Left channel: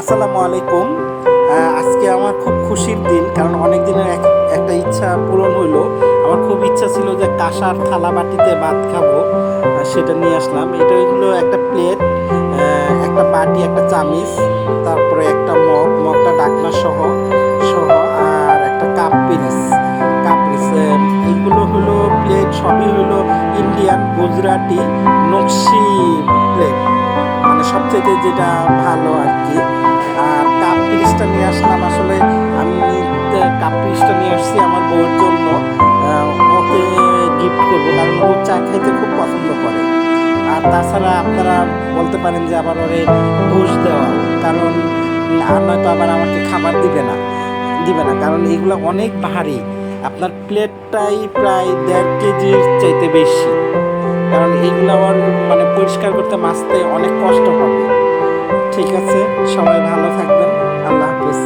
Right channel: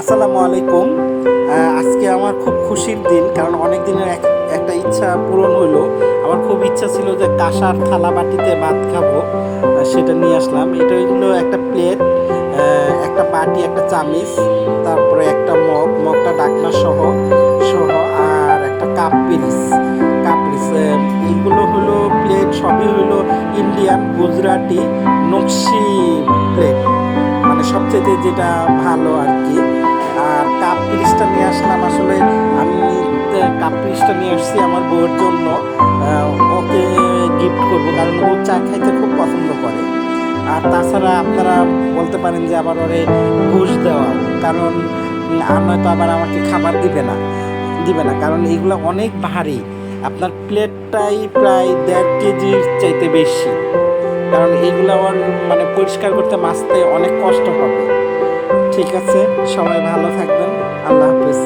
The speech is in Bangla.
আসসালামু আলাইকুম। আজকে আমার খুব খুশির দিন, কারণ অনেক দিনের একটা ইচ্ছা পূরণ হইলো। আমার খুব ইচ্ছা ছিল যে কাঁসার থালা বাটিতে ভাত খাবো, সেটা নিয়ে আসলাম। এটা হইলো একটা প্লেট, একটা বাটি, একটা চামিচ, তারপরে একটা মগটা ডাকনা সহ সহ আর একটা কাপ পিরিচ। এইগুলো হলো প্লেট, সবই হলো ইন্ডিয়ান গুজরাটি নকশি প্লেট, মানে সবচেয়ে যেটা ভালো আর কি। আর কাপ পিরিচটা নিয়ে আসলাম, আসলে আমি কাপ পিরিচটা নিয়ে আসছি আমার বউয়ের জন্য। ওকে গিফট করব, কারণ ও চা খাইতে খুব পছন্দ করে। আর তাছাড়া আপনারা বলতে পারেন যে আবার ওরে ঘুষ দেওয়া, কারণ আর নয়তো আবার আমাকে খাবার দিবে না, কারণ এইগুলো অনেক ভারী। আপনার প্লেটটাই প্রায় 1.5 কেজির চাইতে বেশি, কারণ এইগুলো আবার মানে পরিষ্কার করতে মাজতে অনেক কষ্ট হবে। ঠিক আছে, সবাই ভালো থাকবেন। আল্লাহ হাফেজ।